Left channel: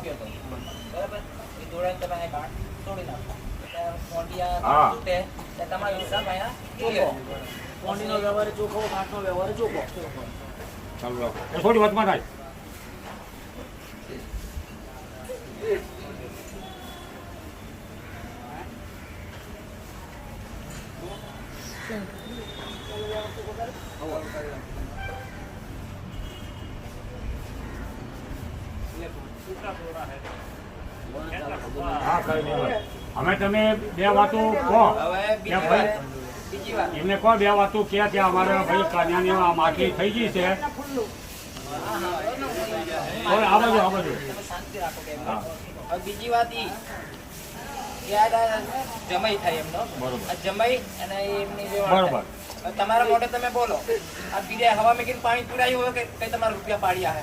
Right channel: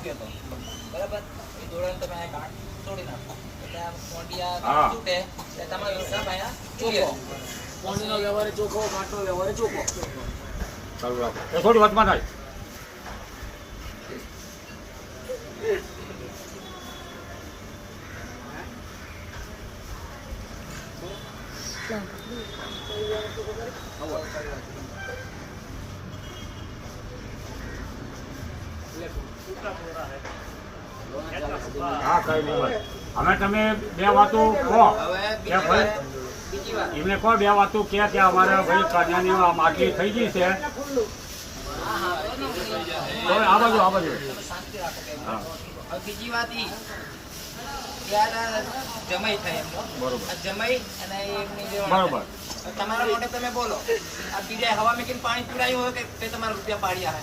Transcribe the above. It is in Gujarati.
આપ્યો હતો બરાબર એ જોડે તમે આ ગાંઠ તોડી નાખો એટલે આ કોંડિયા તૂટે એટલે તમારો હિસાબ અહીંયા ચોખ્ખો કોંડીનો વ્યવહાર ચોખ્ખો ઘાટનો વ્યવહાર ચોખ્ખો ચાલુ રાખો થોડી વાતમાં થાય હા કઈ નહીં અમે તમે બે વાતો કહો કે ભાઈ બીજી વાત એમને કહો બે વાતો કે અમારે ભાઈ કન્યાની માટી થઈ ગઈ છે આ બાજુ તમે શાંતિ રાખો કે હવે બીજી વાત ઈ કે આ જમાઈ થાય એમનો બરોબર. આ જમાઈ અને એમની જે બરોબર. હવે તમારા મોઢે તમે બોલો આ બીજા હવા મેકીને પાણી પીવડાયું હોય કે કઈ તમારા રૂપિયા પાડ્યા હે